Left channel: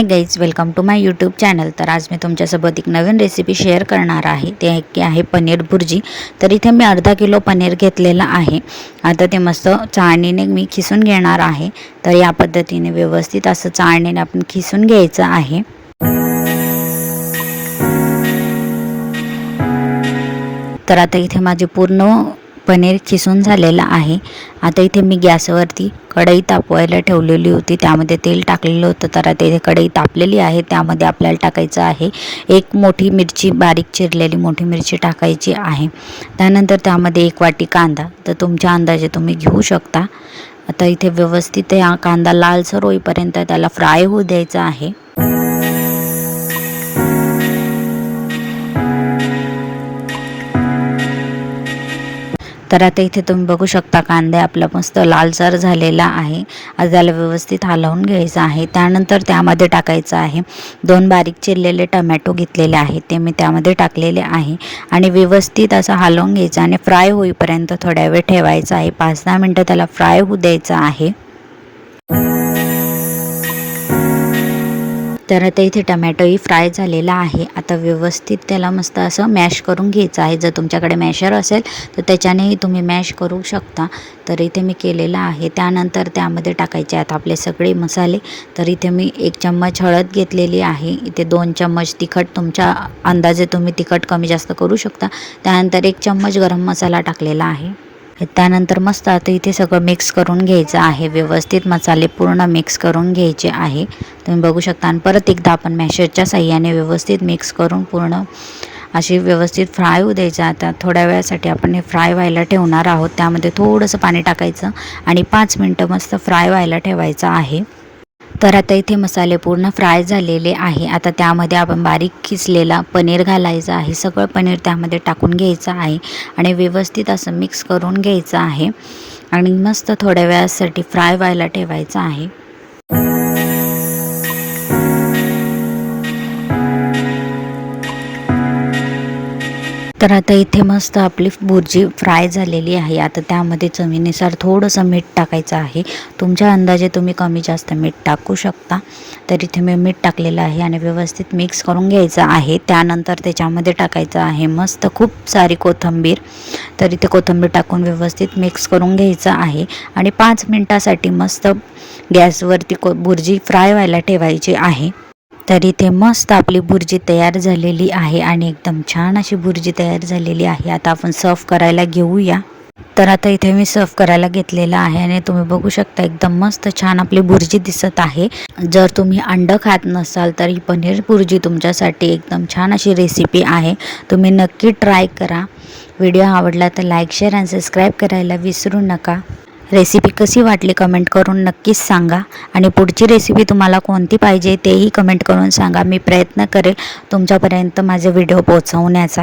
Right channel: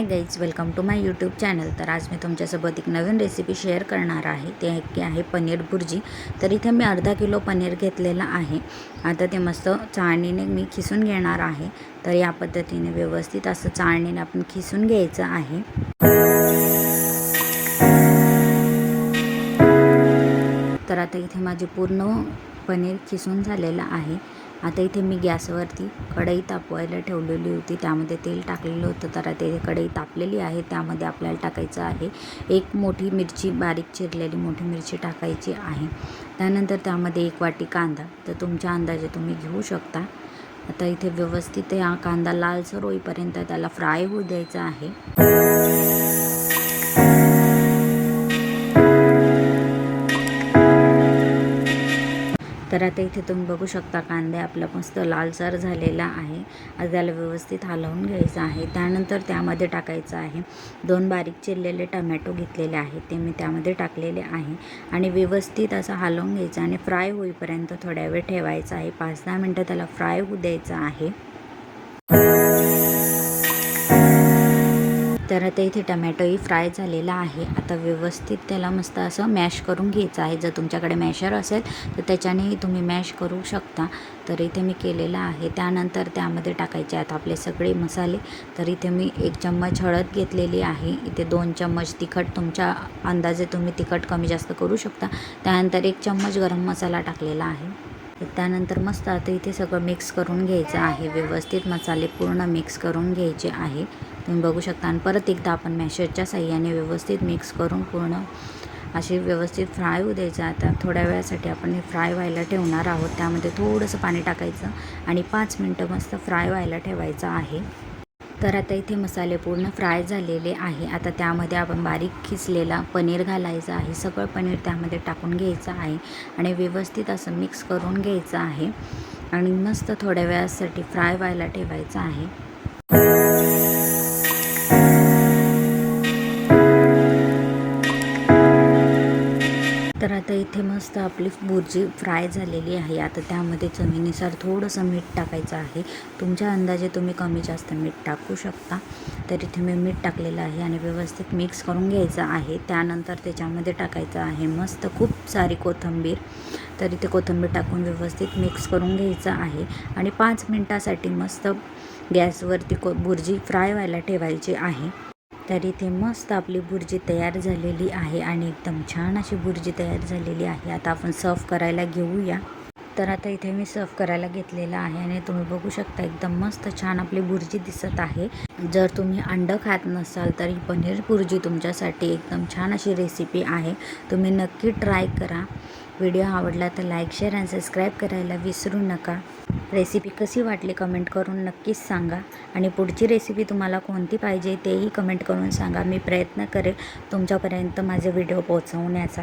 Hi guys welcome to my YouTube channel तर आज मी तुमच्यासोबत एक नवीन रेसिपी शेअर करणार आहे. ते की आहे पनीर भुर्जी. तर इथे मी अर्धा किलो पनीर घेतलेलं आहे. आता ते मस्त चाळणीने मी खिसून घेणार आहे. तर या पद्धतीने व्यवस्थित असं चाळणीने आपण खिसून घ्यायचं आहे. तर आता इथे माझे पूर्ण पनीर किसून झालेलं आहे. आता इथे मी गॅसवरती कढई तापवायला ठेवलेली होती. त्यामध्ये तेल टाकलेलं होतं. तर आता इथे कढई तापलेली आहे. त्यामध्ये आपल्याला टाकायचं आहे एक मोठी मिरची बारीक चिरलेली मोठी मिरची टाकायची आहे. त्यानंतर त्यामध्ये एक वाटी कांदा. तर तुमच्या अंदाजे तुम्ही घेऊ शकता. आता इथे व्यवस्थित हा कांदा लालसर होईपर्यंत त्याला फ्राय होऊ द्यायचा आहे. तर आता इथे तुम्ही बघू शकता कांदे आपला मस्त लालसर झालेला आहे. आता त्याला व्यवस्थित हलवून घ्यायचं आहे. त्यानंतर त्यामध्ये टाकायचं आहे दोन बारीक चिरलेले टमॅटो घेतलेले आहेत. ते मी त्यामध्ये टाकलेले आहे. आणि व्यवस्थित असं हलवून घ्यायचं आणि फ्राय होईपर्यंत थोड्या वेळ ठेवायचा आहे. पाच दहा मिनटं त्याला फ्राय होऊ द्यायचं आहे. तर आता इथे टमॅटोही फ्राय झालेला आहे. आता व्यवस्थित त्याला मस्त असं मॅश करून घ्यायचं आहे. जर तुमच्याकडे मॅशर असेल तर त्याच्यानेही तुम्ही मॅश करू शकता. तर इथे मी केलेलं आहे. त्यानंतर त्यामध्ये टाकायचे आहेत आपले सगळे मसाले. तर इथे मी एक चम्मच हळद घेतलेली आहे. इथे दोन चम्मच तिखट तुमच्या अंदाजे तुम्ही तिखट कमी जास्त करू शकता. त्यानंतर एक चम्मच गरम मसाला टाकलेला आहे. त्यानंतर मस्त आता इथे सगळं मिक्स करून घ्यायचं आहे. व्यवस्थित मसाले पूर्ण मिक्स करून घ्यायचे आहे. तुम्ही बघू शकता. आणि परत एकदा आपण मॅशरच्या साह्याने व्यवस्थित मिक्स करून पूर्ण अशी व्यवस्थित फ्राय होऊ द्यायचं. आता थोड्या वेळासाठी आपण हे फ्राय व्हायला ठेवणार आहोत. त्यामध्ये थोडंसं पाणी टाकायचं आणि पाच मिनटं मस्त फ्राय व्हायला ठेवायचं आहे. तर आता इथे मसाले पूर्ण फ्राय झालेले आहे. आता त्यामध्ये आपण बारीक खिचलेला पनीर घालायचं आहे. सगळं पनीर त्यामध्ये टाकून घ्यायचं आहे आणि व्यवस्थित असं मिक्स करून घ्यायचं आहे. आणि मस्त थोड्या वेळासाठी फ्राय व्हायला ठेवायचं आहे. तर आता इथे मस्त आपली बुर्जी फ्राय झालेली आहे. आता त्यामध्ये चवीनुसार थोडंसं मीठ टाकायचं आहे. तुमच्या अंदाजे तुम्ही कमी जास्त मीठ टाकू शकता. तर इथे मी मीठ टाकलेलं आहे आणि व्यवस्थित मिक्स करून घ्यायचं आहे. त्यानंतर त्याच्यामध्ये टाकायचं आहे मस्त खूप सारी कोथिंबीर. तर इथे कोथिंबीर टाकून व्यवस्थित मिक्स करून घ्यायचं आहे. आणि पाच मिनटासाठी मस्त गॅसवरती को बुर्जी फ्राय व्हायला ठेवायची आहे. तर इथे मस्त आपली बुर्जी तयार झालेली आहे आणि एकदम छान अशी बुर्जी तयार झालेली आहे. आता आपण सर्व करायला घेऊया. तर आता इथे मी सर्व करायला घेतलेला आहे आणि तुम्ही बघू शकता एकदम मस्त छान आपली बुर्जी दिसत आहे. जर तुम्ही अंड खात नसाल तर ही पनीर बुर्जी तुमच्यासाठी एकदम छान अशी रेसिपी आहे. तुम्ही नक्की ट्राय करा. व्हिडिओ आवडला तर लाईक शेअर आणि सबस्क्राईब करायला विसरू नका. रेसिपी कशी वाटली कमेंट करून नक्कीच सांगा. आणि पुढची रेसिपी तुम्हाला कोणती पाहिजे तेही कमेंट करून सांगा. मी प्रयत्न करेल तुमच्यापर्यंत माझे व्हिडिओ पोहोचवण्याचा.